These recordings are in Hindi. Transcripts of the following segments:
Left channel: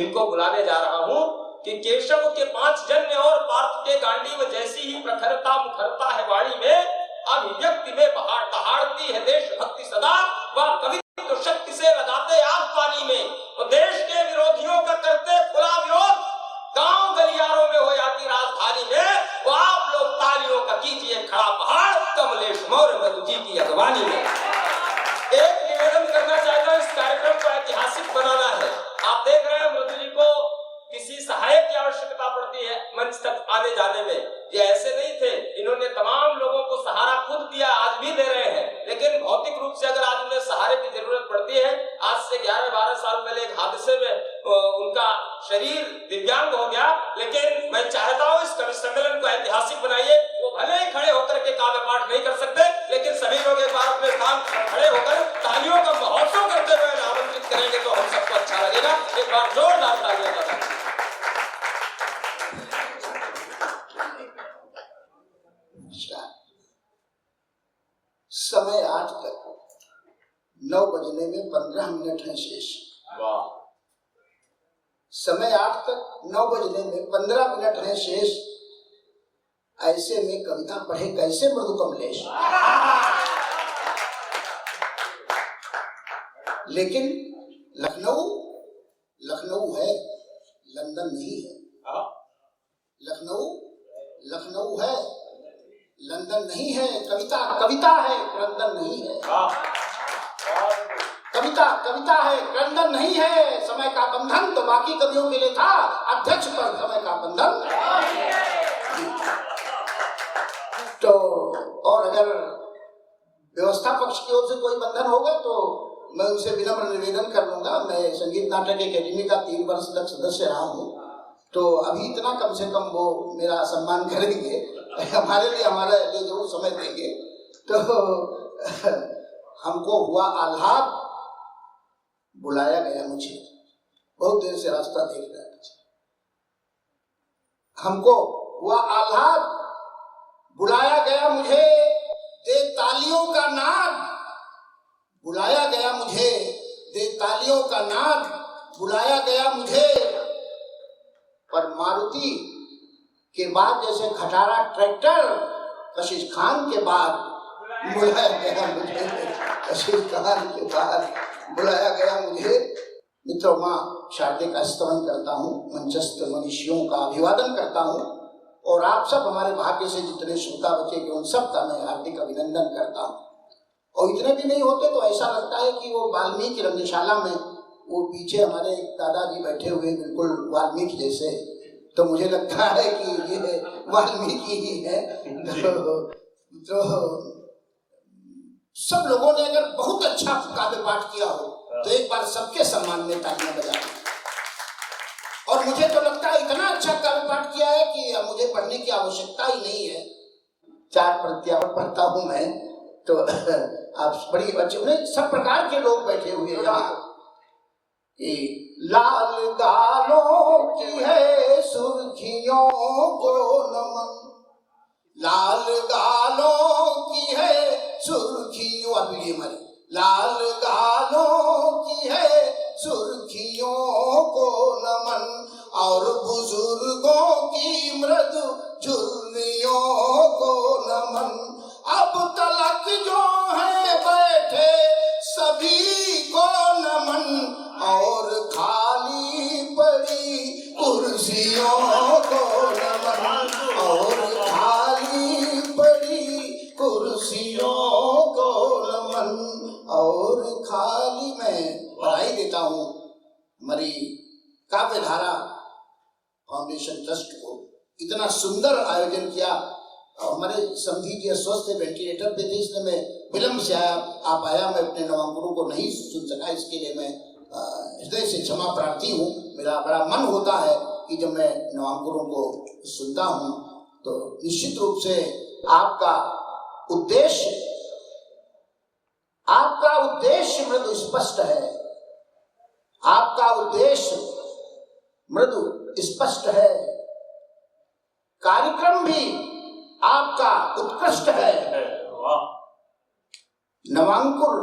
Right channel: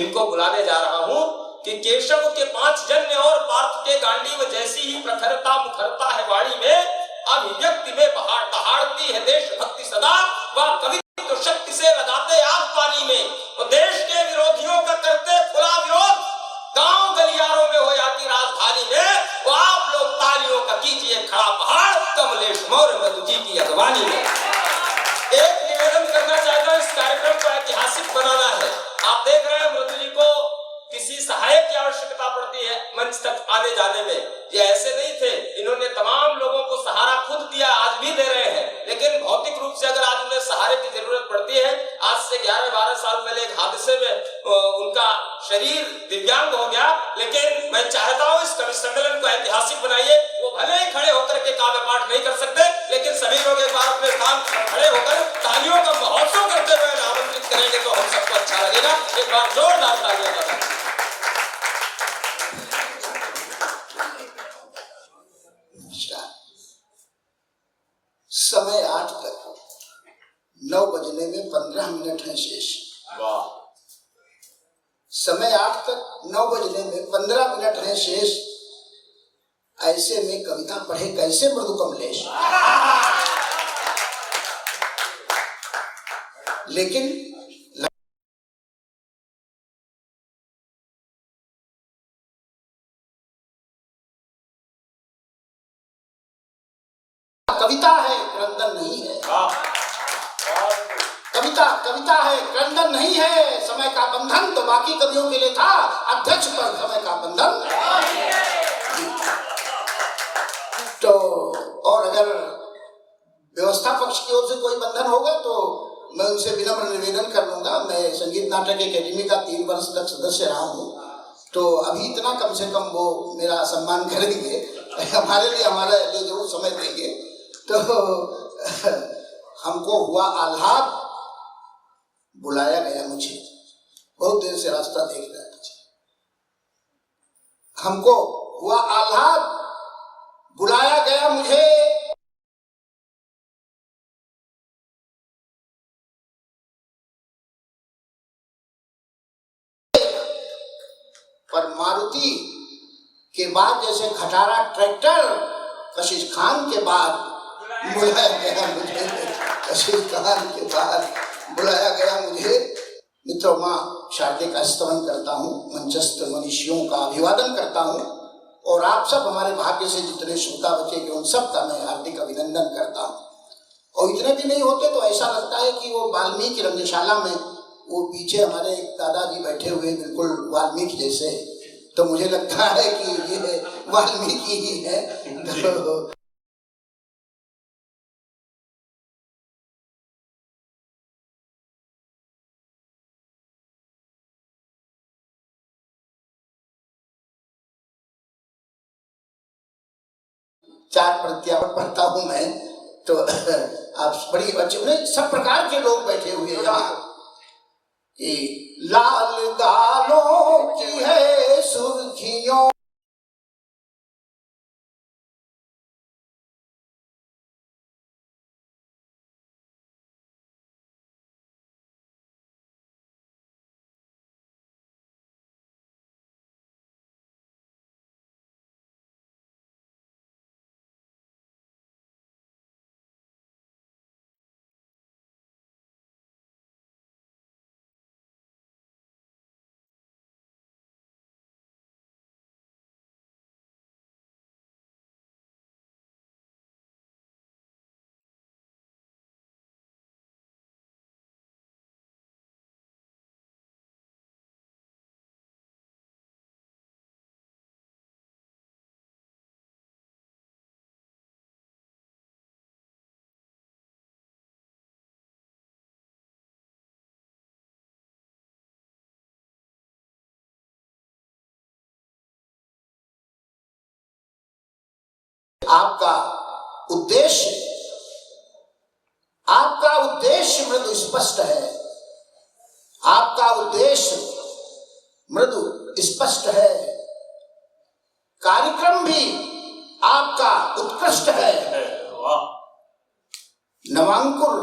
जिनको बुलाने जा रहा हूं कि केशव के 5 जन्य और पार्थ के गांडीव जैसी ही प्रखरता मुखरता है वाणी में, अभिव्यक्ति में बहार दहाड़ती है देशभक्ति सदा। वह कवि तो शक्ति से लगाते आग पानी में, वो देश के विरोधियों का करते खुला विरोध, गांव गलियारों में हो जाती राजधानी में, वो आप लोग तालियों का कीजिए खड़ा पहाड़ कमलेश मौर्य मधु जी की अगवानी में। एक निवेदन करना चाहता हूं, इस कार्यक्रम को ऐतिहासिक बनाना है। आप देख रहे हैं मृदु जी को किसी सहायक की आवश्यकता पड़ती है मंच तक आने जाने में। ये ऐसे नहीं थे, इन्होंने तमाम लोगों को सहारा खुद दिया, आज भी दे रहे हैं, लेकिन भौतिक रूप से अगर आज उन्हें सहारे की जरूरत पड़ती है, आज से 11-12 साल पहले एक हादसे में उनका शरीर दिव्यांग हो गया, लेकिन मैं चाहता हूं इस कवि सम्मेलन को ऐतिहासिक बनाइए। वो भले ही खड़े होकर के काव्य पाठ नहीं कर सकते, लेकिन सभी लोग एक बार अपने स्थान खड़े होकर तालियों का महोत्सव करते हुए आमंत्रित करेंगे तो हम सबको अच्छा लगेगा। एक बार जोरदार तालियां बजाएं। समय 8 तक 9 बजने में 15 मिनट है शेष। वाह। समय 8 तक 9 बजने में 15 मिनट है शेष। ऐसे में कविता पढ़े कैसे मृदु कमलेश। लेकिन लखनऊ है, लंदन नहीं है। लखनऊ है, लंदन नहीं है। कविता है, क्रंदन नहीं है। कविता है, क्रंदन नहीं है। समय का बंधन तो बाकी कवियों के लिए था, अध्यक्ष पर समय का बंधन। तो और अगर व्यवस्था पक्ष की ओर से कोई बंधन होगा तो मैं उनसे विनम्र निवेदन कर लूंगा। मैं संगीत नाटक अकेडमी का 3 वर्ष तक सदस्य रहा हूँ, तो अभी इतना कम से कम वो मेरा सम्मान करेंगे, हमारे लिए हमारा जरूर समय देंगे। तो हमको हुआ आह्लाद, बुलाया गया मुझे, बहुत देर से रास्ता देख रहा था। हमको हुआ आह्लाद, बुलाया गया मुझे, दे तालियों का नाद। बुलाया गया मुझे, दे तालियों का नाद। बुलाया गया मुझे, पर मारुति के बाद जैसे खटारा ट्रैक्टर, कशिश खान के बाद बुलाया गया मुझे। कशिश खान के बाद बुलाया गया मुझे। मित्रों, माँ शारदे का स्तवन करता हूँ, मंचस्थ मनुष्यों का अभिवादन करता हूँ, और आप सब हमारे भाग्य से जितने श्रोता बचे उन सब का मैं हार्दिक अभिनंदन करता हूँ। और इतने भी नहीं होते तो ऐसा लगता है कि वो वाल्मीकि रंगशाला में वो पीछे हमारे एक दादाजी बैठे हुए बिल्कुल वाल्मीकि जैसे, तो मुझे लगता है कि ये वाल्मीकि ही है। तो सब लोगों ने अगर बहुत अच्छा काव्य पाठ किया हो तो एक बार सबके सम्मान में तालियां बजाएं। और मुझे तो लगता है इतना अच्छा काव्य पाठ किया है कि मुझे पढ़ने की आवश्यकता ही नहीं है। 4 प्रत्यावर्त पढ़ता हूं मैं, तो आप बड़ी अच्छे सब प्रकार के लोग बैठे हुए हैं यहाँ। लाल गालों की है सुर्खियों को नमन, लाल गालों की है सुर्खियों, अभी मरे, लाल गालों की है सुर्खियों को नमन, और बुजुर्गों की मृदु झुर्रियों को नमन। अब तलक जो है बैठे सभी को नमन, और खाली पड़ी कुर्सियों को नमन, और खाली पड़ी कुर्सियों को नमन, और खाली। मैं बधाई देता हूँ हमारी काव्यधारा फाउंडेशन ट्रस्ट को, इतना सुंदर आयोजन किया। हमारे समधी जी अस्वस्थ वेंटिलेटर पे थे, इसलिए मैं विलम्ब से आप आया, मैं अपने नवांकुरों को नहीं सुन सका, इसके लिए मैं हृदय से क्षमा प्रार्थी हूँ। मेरा बड़ा मन होता है कि जब मैं नवांकुरों को सुनता हूँ तो निश्चित रूप से आपका उद्देश्य मृदु स्पष्ट है, आपका उद्देश्य मृदु स्पष्ट है, कार्यक्रम भी आपका उत्कृष्ट है। नवांकुर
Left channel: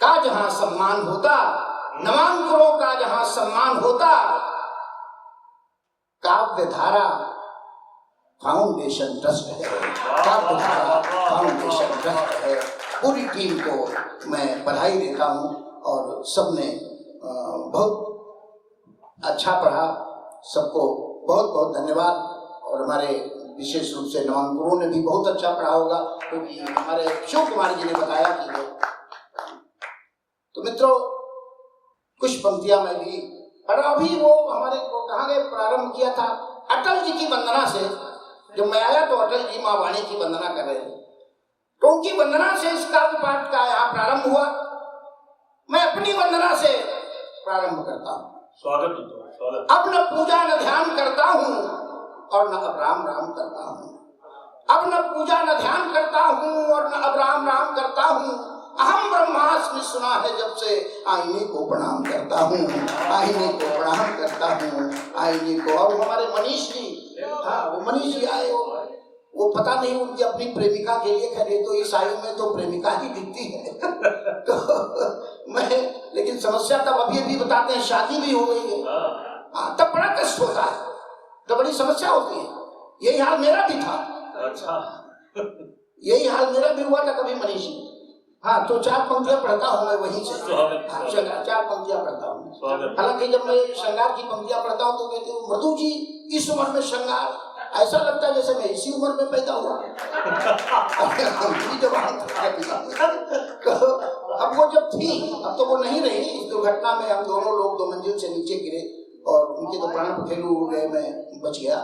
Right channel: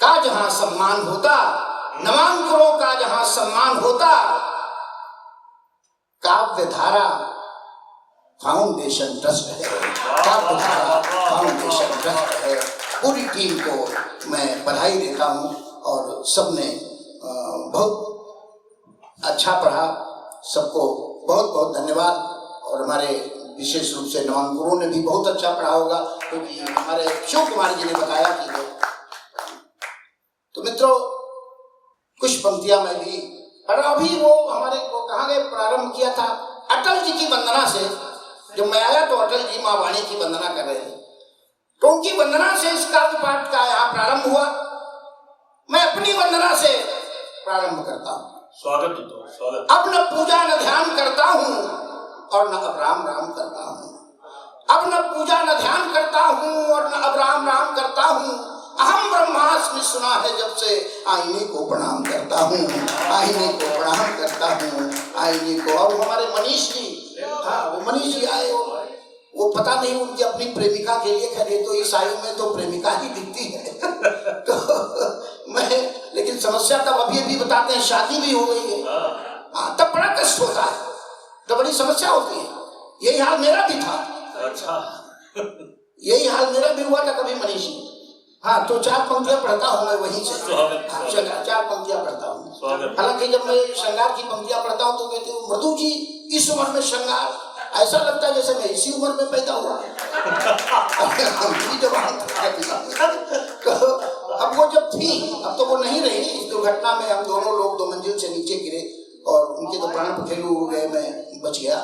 का जहां सम्मान होता नामांकनों का जहां सम्मान होता, काव्यधारा फाउंडेशन ट्रस्ट है, काव्यधारा फाउंडेशन ट्रस्ट है। पूरी टीम को मैं बधाई देता हूं और सबने बहुत अच्छा पढ़ा, सबको बहुत बहुत धन्यवाद। और हमारे विशेष रूप से नवांकुरों ने भी बहुत अच्छा पढ़ा होगा, क्योंकि हमारे शिव कुमार जी ने बताया कि तो मित्रों कुछ पंक्तियां मैं भी पढ़ा। अभी वो हमारे को कहाँ गए, प्रारंभ किया था अटल जी की वंदना से। जब मैं आया तो अटल जी माँ वाणी की वंदना कर रहे थे, तो उनकी वंदना से इस काव्य पाठ का यहाँ प्रारंभ हुआ। मैं अपनी वंदना से प्रारंभ करता हूँ। स्वागत स्वागत। अब न पूजा न ध्यान करता हूँ और न अब राम राम करता हूँ। अब न पूजा न ध्यान करता हूँ और न अब राम राम करता हूँ। अहम ब्रह्मास्मि सुना है जब से आईने को प्रणाम करता हूँ, आईने को प्रणाम करता हूँ, आईने को। और हमारे मनीष जी, हाँ वो मनीष जी आए, वो पता नहीं उनकी अपनी प्रेमिका के लिए खड़े, तो इस आयु में तो प्रेमिका ही दिखती है। तो मैं, लेकिन समस्या तब अभी बताते हैं शादी भी हो गई है, तब बड़ा कष्ट होता है, तो बड़ी समस्या होती है। यही हाल मेरा भी था। अच्छा, यही हाल मेरा भी हुआ था कभी मनीष जी। हाँ, तो 4 पंक्तियां पढ़ता हूँ मैं वहीं से। 4 पंक्तियां पढ़ता हूँ। हालांकि जब मैं श्रृंगार की पंक्तियां पढ़ता हूँ तो कहते हो मृदु जी इस उम्र में श्रृंगार, ऐसा लगता है जैसे मैं इसी उम्र में पैदा हुआ। तो अब वो जब थी, अब तो वो नहीं रही। इस दुर्घटना में हम दोनों लोग 2 मंजिल से नीचे गिरे और उनके तो प्राण पखेरु हो गए, मैं बच गया।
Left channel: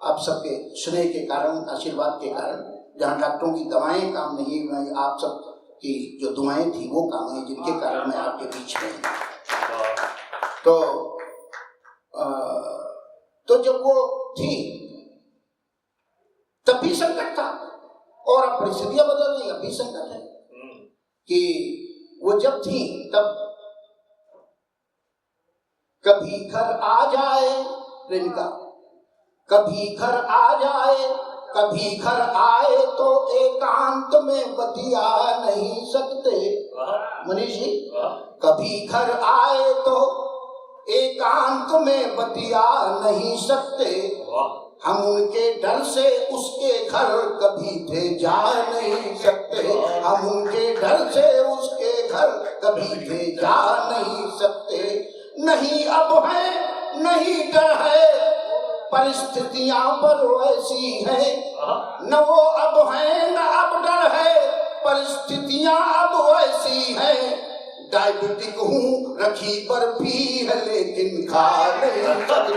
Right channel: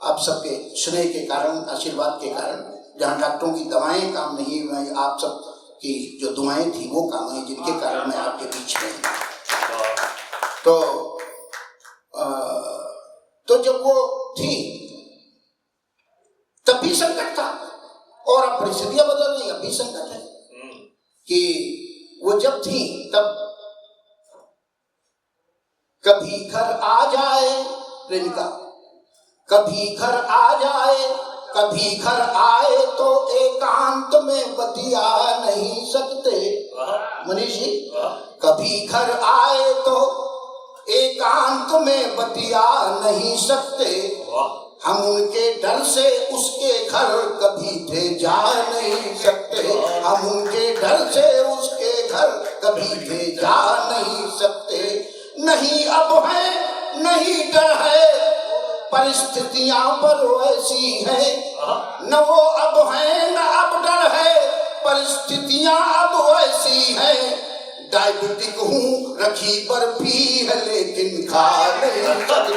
आप सबके स्नेह के कारण, आशीर्वाद के कारण, जहाँ डॉक्टरों की दवाएं काम नहीं हुई, आप सब की जो दुआएं थी वो काम हुई, जिनके कारण मैं आपके बीच में। तो जब वो थी तब भी संकट था, और अब परिस्थितियां बदल गई, अब भी संकट है। कि वो जब थी तब कभी घर आ जाए प्रेमिका, कभी घर आ जाए, कभी घर आए तो एकांत में बतिया नहीं सकते। मनीष जी, कभी घर आए तो एकांत में बतिया नहीं सकते। हम उनके डर से उसके घर कभी थे जा नहीं सकते। हम उनके डर से उसके घर कभी थे जा नहीं सकते। नहीं अब है नहीं डर है, परिस्थितियां पर वैसी है। न वो अब है न अब डर है, परिस्थितियां अब वैसी है। डायबिटिक हूँ रखी बर्फी है लेकिन खा नहीं सकते।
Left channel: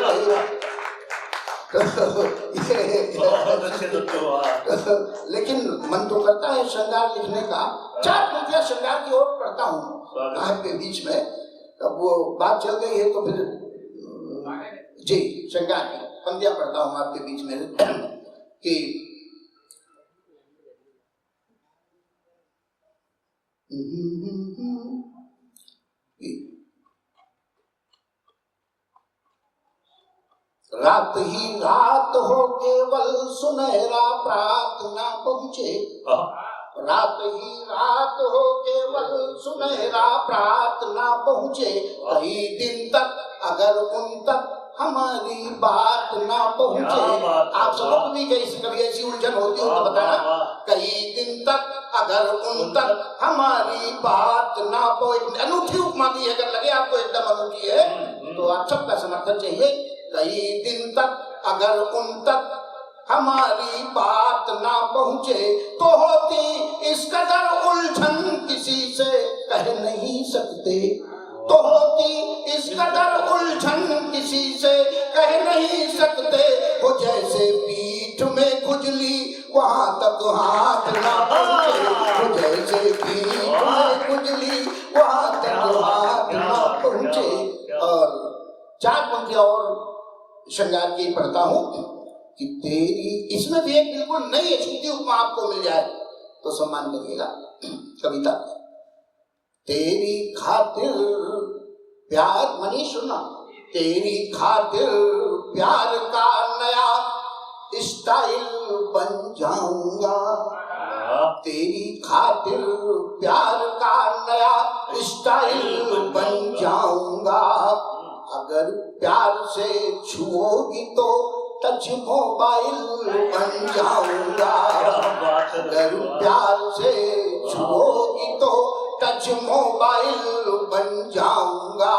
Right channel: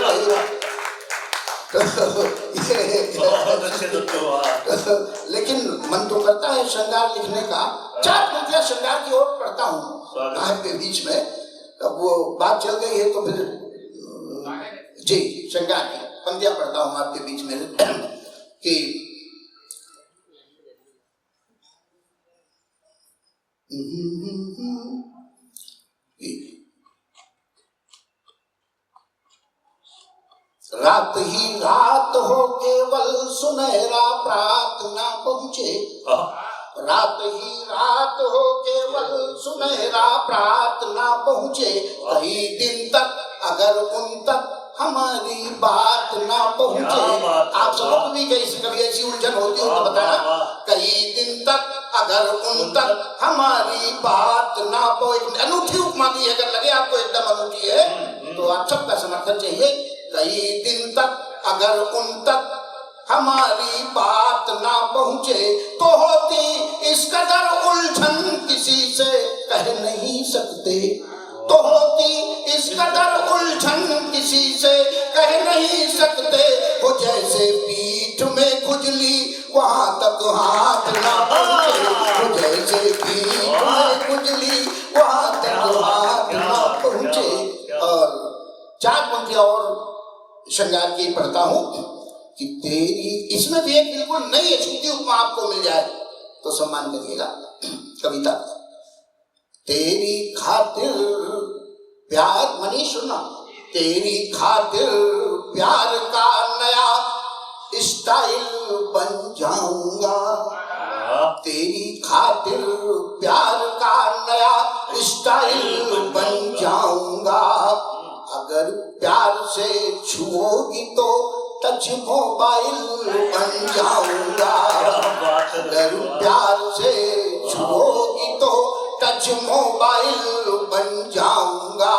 लेकिन मन तो करता है श्रृंगार लिखने का। 4 पंक्तियां श्रृंगार की ओर पढ़ता हूँ आपके बीच में। अब वो बात चल गई है तो फिर जी श्रृंगार की पंक्तियां पढ़ता हूँ आपके बीच में कि रात ही रात हो केवल सुनहरा प्रार्थना पहुँचे। रात ही रात हो केवल सुनहरा प्रार्थना पहुँचे। कई दिन तक अगर उन तक हमारी बात ना पहुँचे। आप सबको भी कभी ऐसी उलझन होती हो तो बताना। कई दिन तक अगर उन तक हमारी बात ना पहुँचे। अनूठी उपमा दी, अगर लगे आपको एकदम अनूठी है तो आप सबका समर्थन चाहिए। कई दिन तक अगर उन तक हमारी बात ना पहुँचे तो होती इस कदर उलझन किसी से कह नहीं सकते। तो होती इस कदर उलझन किसी से कह नहीं सकते। वो जैसे पीठ में खुजली वहां तक हाथ ना पहुँचे। वो जैसे पीठ में खुजली वहां तक हाथ ना पहुँचे। और 4 पंक्तियां और श्रृंगार की पढ़ता हूँ कि तेरी, इसमें भी एक बिल्कुल नई अछूती उपमा आपको मिल जाए तो सम्मान करिएगा। कविता, तेरी खातिर प्यार, मनीष सुनना, तेरी खातिर प्यार का नया स्टाइल बन जाऊंगा। तेरी खातिर प्यार का नया स्टाइल बन जाऊंगा। प्यार से छुओगी तो टच मोबाइल बन जाऊंगा।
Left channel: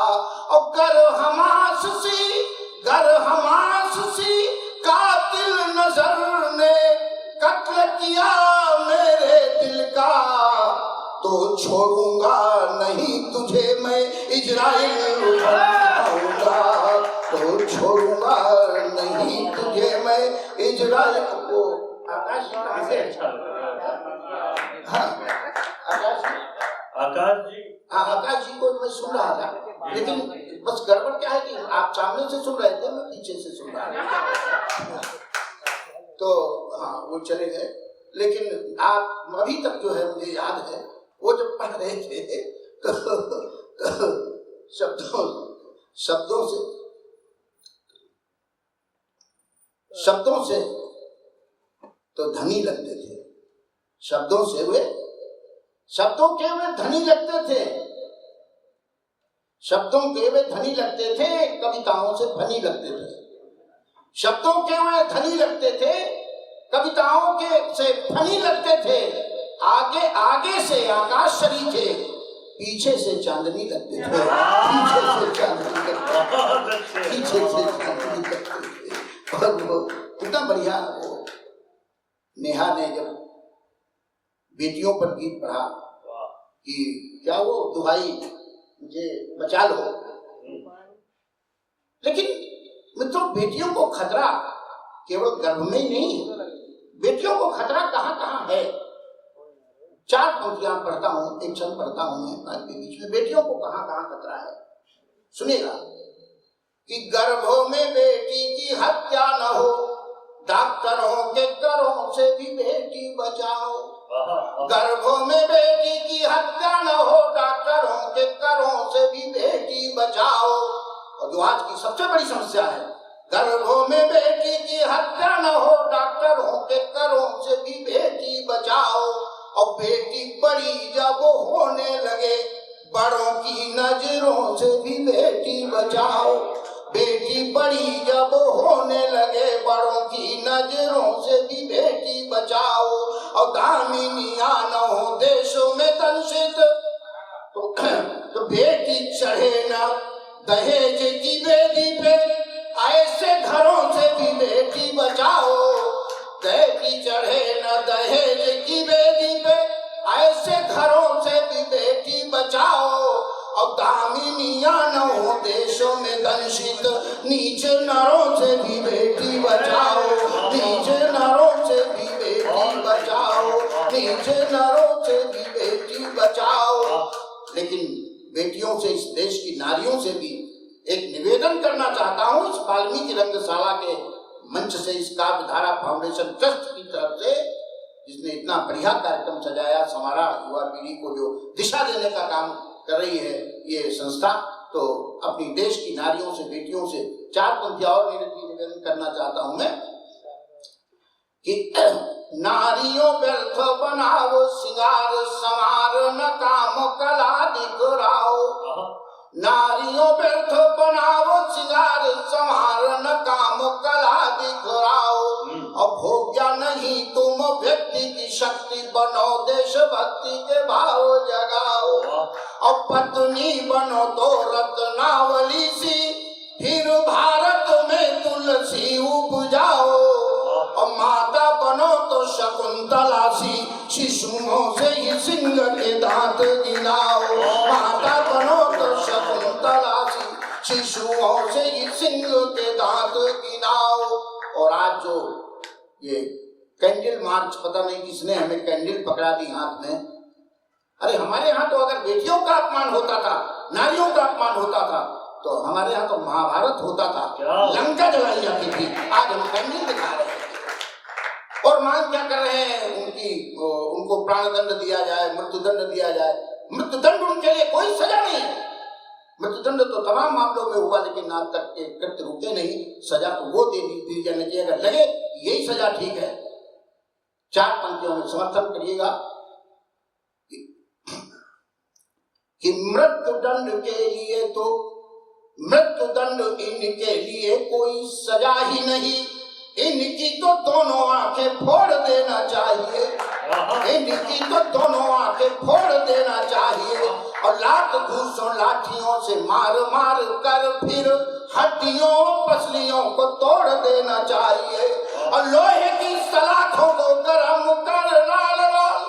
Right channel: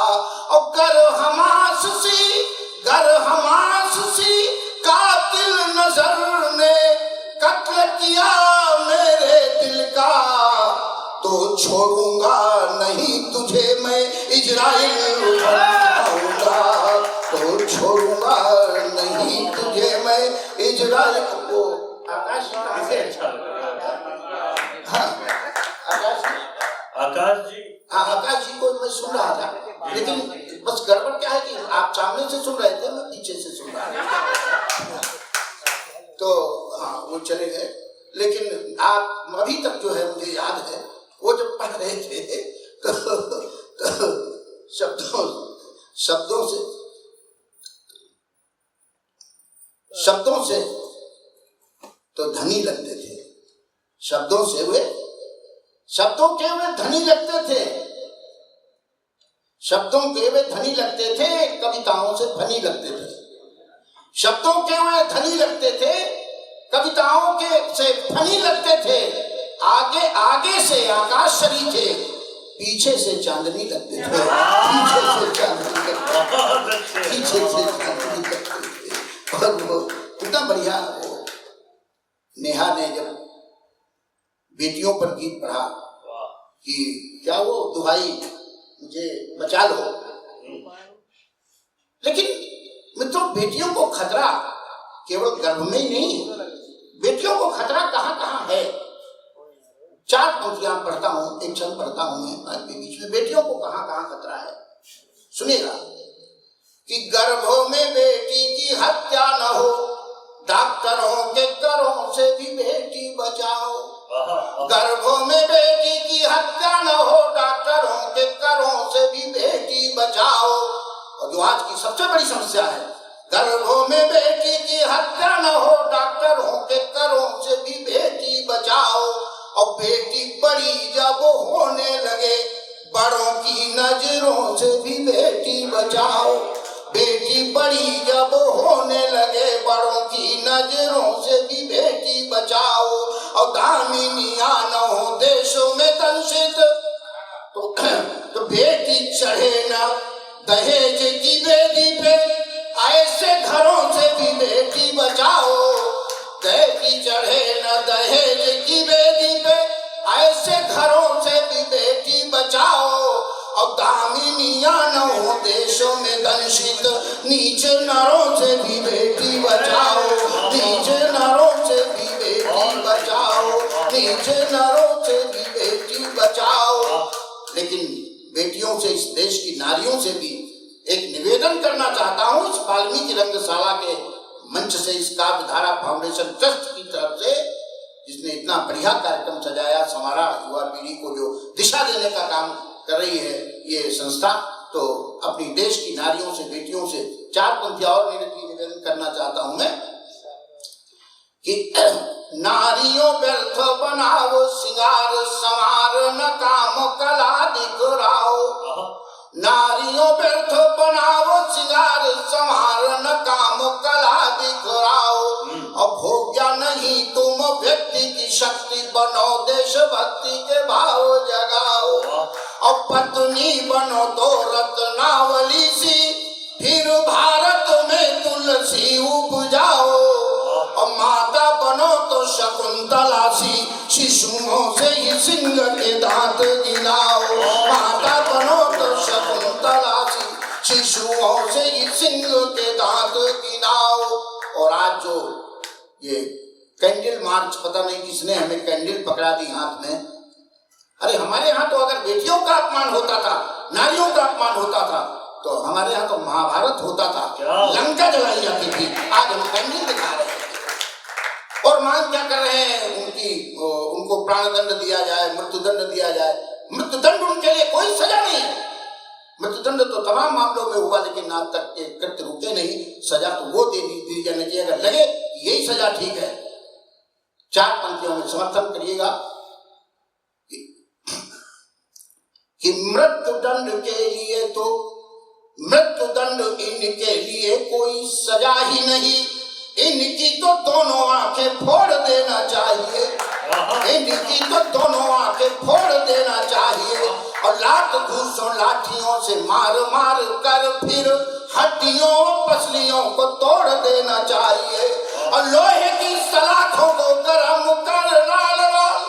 और गर हमास सी कातिल नजर ने कत्ल किया मेरे दिल का, तो छोड़ूंगा नहीं तुझे मैं इजराइल बन जाऊंगा। तो छोड़ूंगा नहीं तुझे मैं इजराइल को। आकाश जी कहाँ से? हाँ आकाश जी, हाँ आकाश जी को मैं सुन रहा था, लेकिन बस गड़बड़ क्या है कि आप सामने से सुन रहे थे, मैं पीछे से सुन रहा था। तो हाँ वो चले गए, लेकिन आप अभी तक जो है मुझे याद है वो जब पढ़ रहे थे तो शब्दों से तो धनी लगते थे, शब्दों के वे धनी लगते थे, शब्दों के वे धनी लगते थे, कविताओं से फनी लगते थे। शब्दों के वे धनी लगते थे, कविताओं के से फनी लगते थे। आगे से आकाश शरीफ थे, पीछे से चांदनी लगते थे, पीछे से चांदनी लगते थे। और वो कितना बढ़िया, वो नेहा ने जब बेटियों पर गीत पढ़ा कि क्या वो दुहाई मुझे बचा लो, लेकिन मित्रों बेटियों को खतरा केवल गर्भ में ही नहीं, बेटियों को खतरा कहाँ कहाँ है। 4 पंक्तियां पढ़ता हूँ, एक क्षण पढ़ता हूँ मैं आपके बीच में, बेटियों को कहाँ कहाँ खतरा है सुनिएगा। कि गर्भों में बेटी की हत्या न हो, डॉक्टरों के करों से भी बेटी बचाओ। गर्भों में बेटी की हत्या न हो, डॉक्टरों के करों से भी बेटी बचाओ। और जो आज की सबसे बड़ी समस्या है, गर्भों में बेटी की हत्या न हो, डॉक्टरों के करों से भी बेटी बचाओ। और बेटी बड़ी जब होने लगे, बड़ों की नजरों से भी बेटी बचाओ। बेटी बड़ी जब होने लगे, बड़ों की नजरों से भी बेटी बचाओ। और दामिनियां न हो देशों में दंशित, तो बेटी चढ़े न दहेज की बेटी पे, ऐसे घरों से भी बेटी बचाओ। बेटी चढ़े न दहेज की बेटी पे, ऐसे घरों से भी बेटी बचाओ। और दामिनियां न हो देशों में दंशित, नीचे नरों से भी बेटी बचाओ, नीचे नरों से भी बेटी बचाओ, नीचे नरों से भी बेटी बचाओ। लेकिन बेटियों से, इस देश की नारियों से भी एक निवेदन करना चाहता हूँ, इस वाल्मीकि रंगशाला के मंच से, इस काव्य धारा फाउंडेशन ट्रस्ट की तरफ से, जिसने इतना बढ़िया कार्यक्रम सजाया, संवारा, युवा पीढ़ी को जो दिशा देने का काम कर रही है ये संस्था, तो अपनी देश की नारियों से, बेटियों से 4 पंक्तियां और निवेदन करना चाहता हूं मैं कि नारियों व्यर्थ बनाओ सिंगार संवार, न काम कला दिखराओ। नारियों व्यर्थ बनाओ सिंगार संवार, न काम कला दिखराओ। और भोग्या नहीं तुम व्यक्ति की शक्ति, बनो देशभक्ति के भाव जगाओ। और पत्नी बनो तो रत्नावली सी, फिर भारत में तुलसी उपजाओ। और माता बनो तो शकुंतला सी, शिशुओं से ही सिंह के दांत गिनाओ। माता बनो तो शकुंतला सी, शिशुओं से ही सिंह के दांत गिनाओ। और आज जो ये कैंडल मार्च, पता नहीं किसने हमें कैंडल पकड़ा दी हाथ में। अरे हमारे यहाँ तो अगर बेटियों का अपमान होता था, नारियों का अपमान होता था, तो हमारे यहाँ तो महाभारत होता था, लंका जलाई जाती थी। आज हम कैंडल दिखा रहे हैं और मांग क्या कर रहे हैं, उनको प्राणदंड दिया जाए, मृत्युदंड दिया जाए। मृत्युदंड उनके लिए कोई सजा नहीं है। मृत्युदंड तो तमाम मामलों में हुआ, लेकिन आज तक के कृत्य रुके नहीं। सजा तो वो दे दी जानी चाहिए, अगर लगे यही सजा ठीक है। 4 पंक्तियों में समर्थन करिएगा कि मृत्युदंड के लिए तो, मृत्युदंड इनके लिए कोई सजा ही नहीं, इनकी तो दोनों आंखें फोड़ देना चाहिए। मेंढी की तो दोनों आंखें फोड़ देना चाहिए और लात घूसों लाठियों से मार मार कर फिर हड्डियों पसलियों को तोड़ देना चाहिए और लोहे की सलाखों को गर्म कर लाल लाल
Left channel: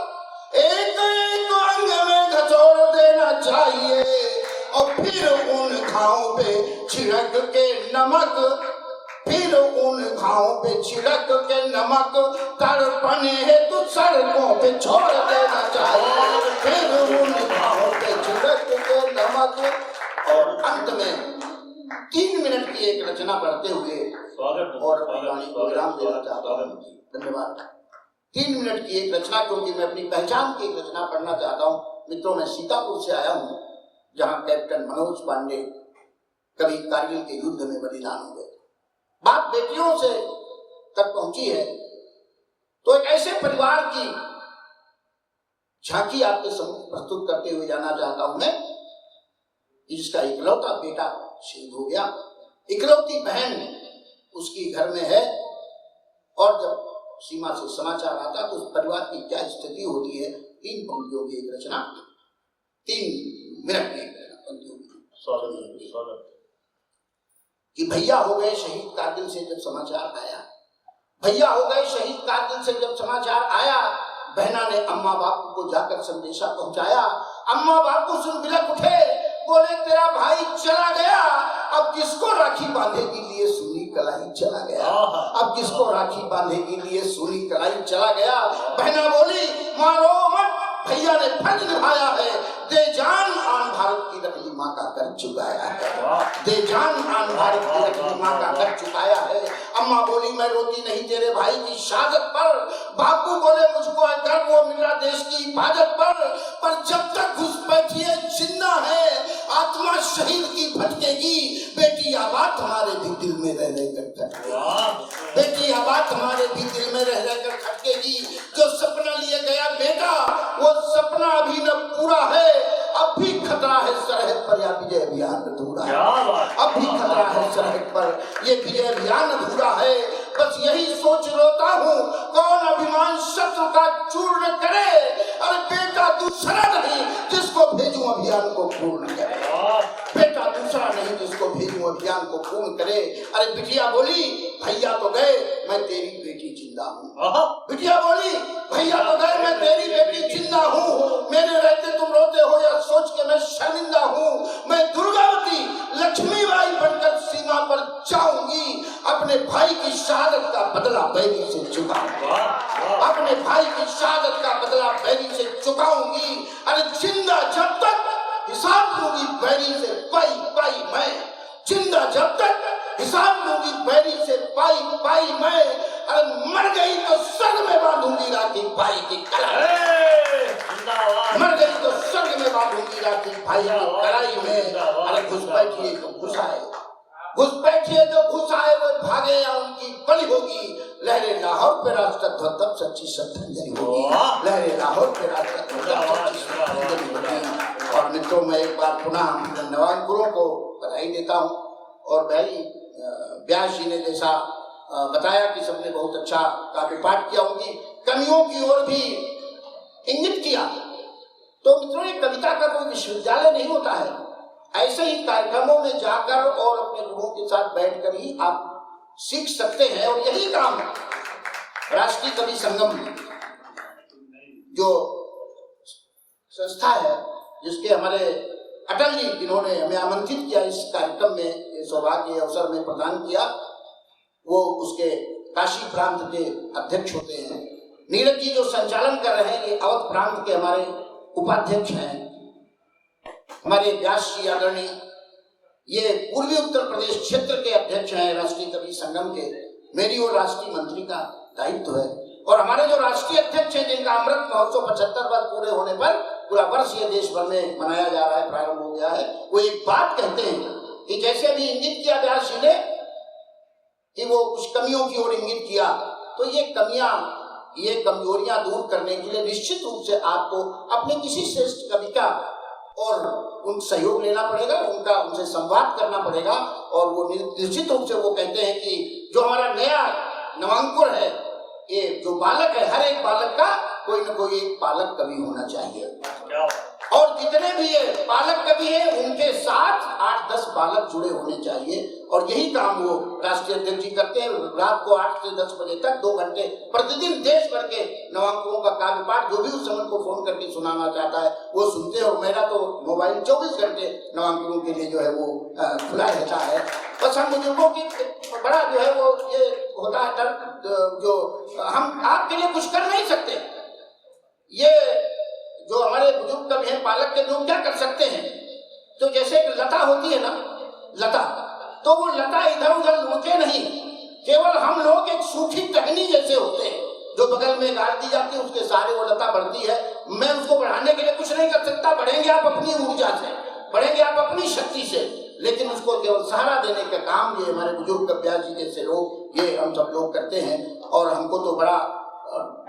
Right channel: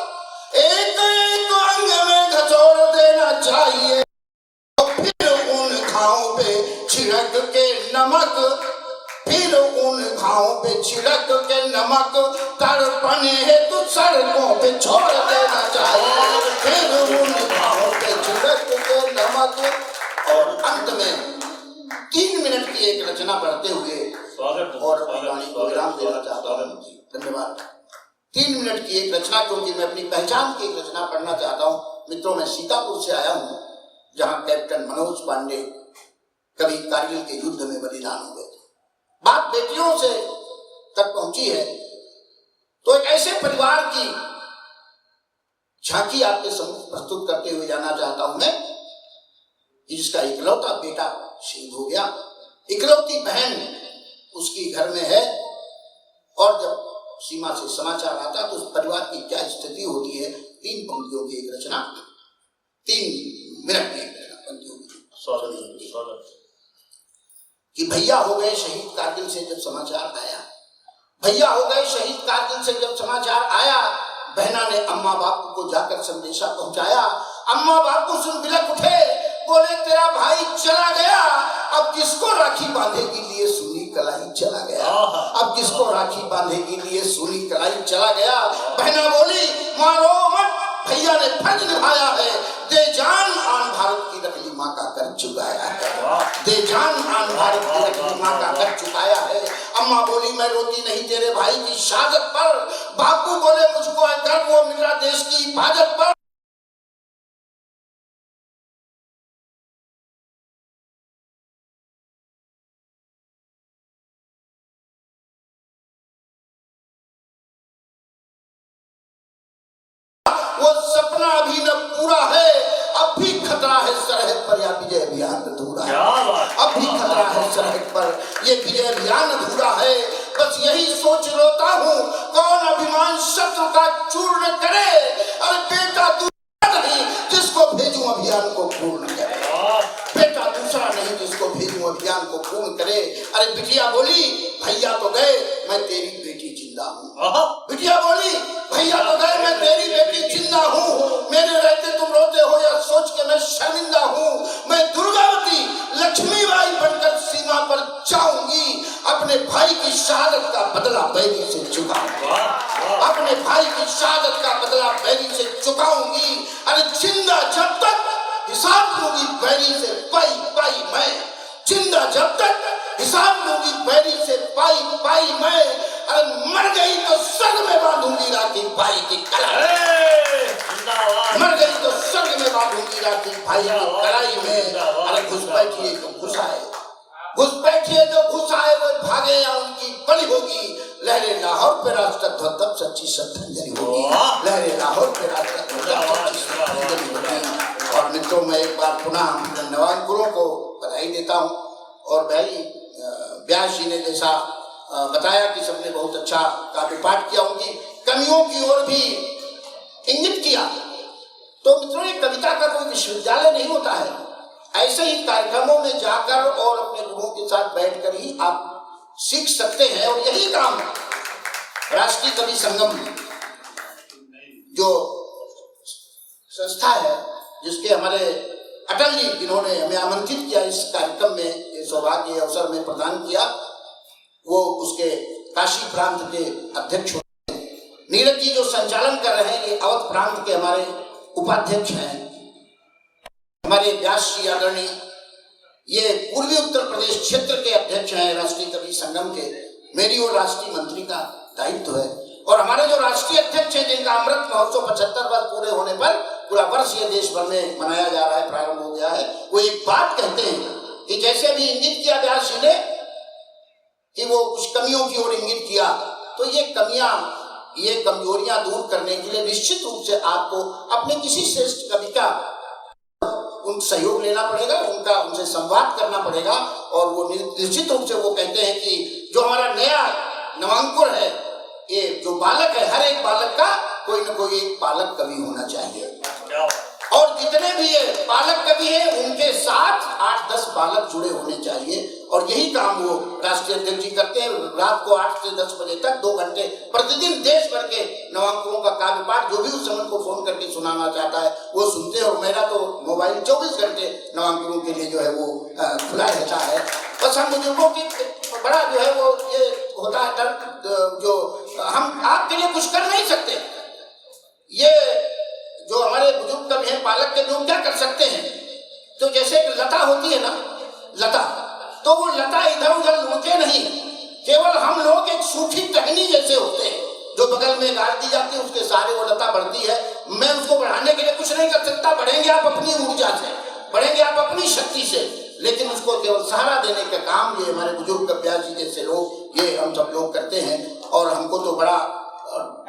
एक एक अंग में घचोड़ देना चाहिए और फिर उन घावों पे छिड़क के नमक फिर उन घावों पे छिड़क के नमक तड़पने हेतु सड़कों पे छोड़ देना चाहिए फिर उन घावों पे छिड़क के नमक और अंत में 3 मिनट की एक रचना पढ़ते हुए और अपनी वाणी को विराम देना चाहता हूँ। धन्यवाद। 3 मिनट की एक रचना क्योंकि मैं अपनी पहचान की एक रचना पढ़ना चाहता हूँ। मित्रों, मैं सीतापुर से आया हूँ जहाँ कैप्टन मनोज पांडे कभी कारगिल के युद्ध में बलिदान हो गए। बात बेटियों से तक पहुंची है तो एक ऐसे परिवार की झांकी आपके सम्मुख प्रस्तुत करते हुए जाना चाहता हूं मैं कि जिसका इकलौता बेटा शहीद हो गया, इकलौती बहन उसकी घर में है और जब सीमा से समाचार आता तो उस परिवार की क्या स्थिति होती है। 3 पंक्तियों की एक रचना, 3 मिनट की एक रचना पंक्तियों कि भैया हो गए शहीद कारगिल से जब समाचार आया, भैया हो गए शहीद कारगिल से जब समाचार आया, बहना ने अम्मा बापू को जाकर संदेशा पहुंचाया। अम्मा बापू सुन बिलख उठे, बोले तेरा भाई चला गया, अब किसको राखी बांधेगी लिए सूनी कलाई चला गया, अब किसको राखी बांधेगी लिए सूनी कलाई चला गया। बहना बोली मारो मत, भैया ने फर्ज निभाया है, दे जान आन भारत की रखली माँ का कर चुकाया है, दे जान आन भारत की रखली माँ का कर चुकाया है। अम्मा बोली मैं रोती नहीं तेरे भाई की शहादत पर, बापू बोले मुझको है गर्व वो मेरा देश की हिफाजत पर जब तक घुसपैठिए जिंदा है आत्मा शहीद की भटकेगी, बेटी आबाद हमारे भी दिल में रह रहकर खटकेगी, बेटी आबाद हमारे भी दिल में रह रहकर खटकेगी। जो सपना लिए गया बेटा वो सपना अभी न पूरा है, अब भी खतरा है सरहद पर या विजय अभियान अधूरा है, अब भी खतरा है सरहद पर ये विजय अभियान अधूरा है। बस यही सोच रोता हूँ कौन अभिमान शत्रु का चूर्ण करे, अरे बेटा दूसरा नहीं जिसको भेजूं अभियान को पूर्ण करे, बेटा दूसरा नहीं जिसको भेजूं अभियान को पूर्ण करे। अरे बिटिया बोली भैया तो गए मैं तेरी बेटी जिंदा हूँ, बिटिया बोली भैया तो गए मैं तेरी बेटी जिंदा हूँ, मेरे रहते तुम रोते हो या सोच के मैं शर्मिंदा हूँ। मैं दुर्गावती लक्ष्मीबाई बनकर सीमा पर जाऊंगी, अपने भाई की शहादत का बदला बैरी से चुकाऊंगी, अपने भाई की शहादत का बदला बैरी से चुकाऊंगी। अरे जिंदा जब तक हिसाब लूंगी बैरी से पाई पाई मैं, जिंदा जब तक हिसाब लूंगी बैरी से पाई पाई मैं, अरे मर गई तो स्वर्ग में बांधूंगी राखी भाई की कलाई, मर गई तो स्वर्ग में बांधूंगी राखी भाई की कलाई में। अरे घुसपैठिए तो घुसाए, घुसपैठिए जो घुसाए वो भागे या उनकी बलि होगी, लहरे लाहौर पे राष्ट्र तब सच्ची श्रद्धांजलि होगी, लहरे लाहौर पे राष्ट्र सच्ची श्रद्धांजलि होगी। और मित्रों मैं एक बार पुनः नवांकुरों को बधाई देता हूँ और भाई व्यास जी ने जैसा बताया कि सबने बहुत अच्छा काव्य पाठ किया, उनकी कमियों की ओर भी इंगित किया। तो मित्रों ये कविता का कोई विश्वविद्यालय नहीं होता है, ऐसे ही कार्यक्रमों में जाकर और अपने गुरुओं के साथ बैठकर ही आप सीख सकते हैं। और यही काम राष्ट्रीय कवि संगम जो संस्था है जिसके हमारे अटल जी जिन्होंने हमें आमंत्रित किया इस कार्यक्रम में, ये सौभाग्य अवसर में प्रदान किया, वो उसके काशी प्रांत के अध्यक्ष होते हैं। नीरज जी जो संचालन कर रहे हैं ये अवध प्रांत के हमारे उपाध्यक्ष हैं। हमारे व्यास जी आदरणीय ये पूर्वी उत्तर प्रदेश क्षेत्र के अध्यक्ष हैं राष्ट्रीय कवि संगम के। मेरी और राष्ट्रीय मंत्री का दायित्व है और हमारे जो राष्ट्रीय अध्यक्ष हैं जिनका अमृत महोत्सव 75 वर्ष पूरे होने पर पूरा वर्ष ये देश भर में मनाया जा रहा है, प्रारंभ हो गया है, वो एक बात कहते हैं कि जैसे अभी इंगित किया व्यास जी ने कि वो कुछ कमियों की ओर इंगित किया, तो ये कमियां ये कमजोरियां दूर करने के लिए निश्चित रूप से आपको अपने किसी श्रेष्ठ कवि का और उन सहयोग लेना पड़ेगा, उनसे संवाद करना पड़ेगा। और वो निश्चित रूप से वो कहते हैं कि जो हमारा नया नवांकुर है, ये जो बालक है, हर एक बालक का कोई न कोई एक पालक कवि होना चाहिए। और जितने भी ये पालक कवि हैं उनके साथ 8-10 बालक जुड़े होने चाहिए। और यही काम वो राष्ट्रीय अध्यक्ष जी करते हैं। रात को 8 से 10 बजे तक 2 घंटे प्रतिदिन देश भर के नवांकुरों का काव्य पाठ जो भी उस समय को फोन करके सुनाना चाहता है वो सुनते हैं। और मेरा तो मोबाइल 24 घंटे नवांकुरों के लिए जो है वो खुला रहता है। बस हम बुजुर्गों की बड़ा जो है वो ये होता है डर, जो हम आपके लिए कुछ कर नहीं सकते। ये जो हमारे बुजुर्ग कवि हैं पालक के, जो क्या कर सकते हैं, तो जैसे एक लता होती है ना, लता, तो वो लता इधर उधर लुढ़के नहीं, केवल हम लोग एक सूखी टहनी जैसे होते हैं जो बगल में गाड़ दी जाती है, उसके सारे वो लता बढ़ती है। मैं उसको बढ़ाने के लिए कुछ नहीं कर सकता। बढ़ेंगे आप अपनी ऊर्जा से, बढ़ेंगे आप अपनी शक्ति से, लेकिन उसको केवल सहारा देने का काम ये हमारे बुजुर्ग कव्यास जी जैसे लोग, ये हम सब लोग करते हैं। और हमको तो बड़ा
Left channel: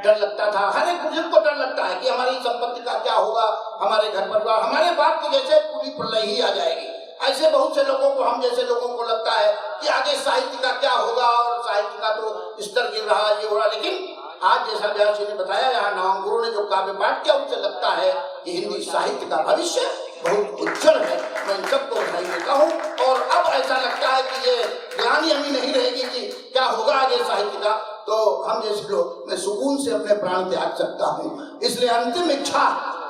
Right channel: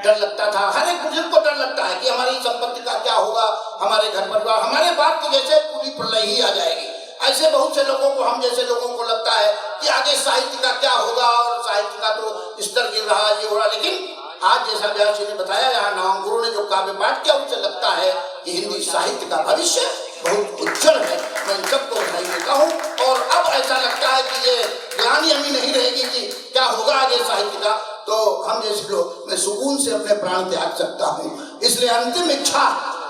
डर लगता था, हर एक बुजुर्ग को डर लगता है कि हमारी संपत्ति का क्या होगा, हमारे घर परिवार, हमारे बात तो जैसे पूरी प्रलय ही आ जाएगी। ऐसे बहुत से लोगों को, हम जैसे लोगों को लगता है कि आगे साहित्य का क्या होगा, और साहित्य का तो स्तर गिर रहा, ये हो रहा। लेकिन आज जैसा व्यास जी ने बताया, यहाँ नवांकुरों ने जो काव्य पाठ किया, उनसे लगता है कि हिंदी साहित्य का भविष्य बहुत उज्जवल है। मैं इन सबको बधाई देता हूँ। और अब ऐसा लगता है कि ये ग्लानि हमें नहीं रहेगी कि क्या होगा आगे साहित्य का, तो हम जैसे लोग, मैं सुकून से अपने प्राण त्याग सकता हूँ। इसलिए अंतिम इच्छा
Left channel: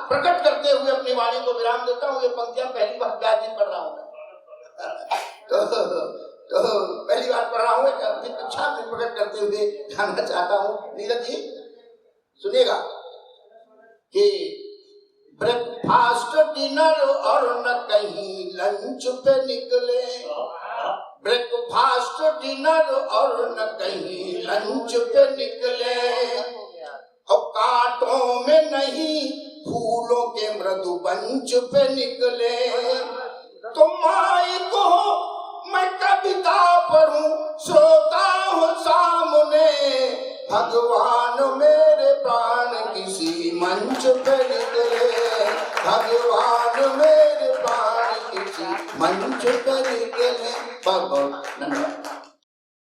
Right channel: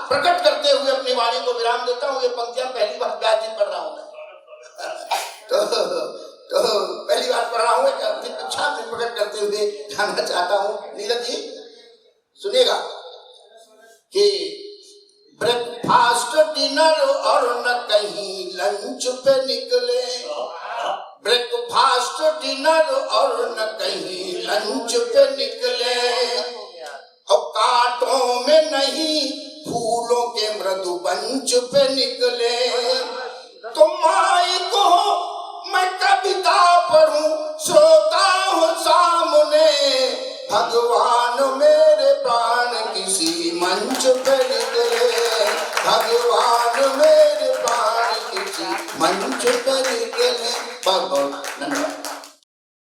प्रकट करते हुए अपनी वाणी को विराम देता हूँ। ये पंक्तियां पहली बार व्यास जी पढ़ रहा हूँ तो पहली बार पढ़ रहा हूँ। एक अंतिम इच्छा में प्रकट करते हुए जाना चाहता हूँ। नीरज जी सुनिएगा कि ब्रेकफास्ट डिनर और न कहीं लंच पे निकले, ब्रेकफास्ट डिनर और न कहीं लंच पे निकले, और कांटों में नहीं फूलों के मृदु बंच पे निकले। तो माई को मैं कविता पढ़ूं, श्रोता हूँ सामने, भगवान मेरे प्राण किसी मंच पे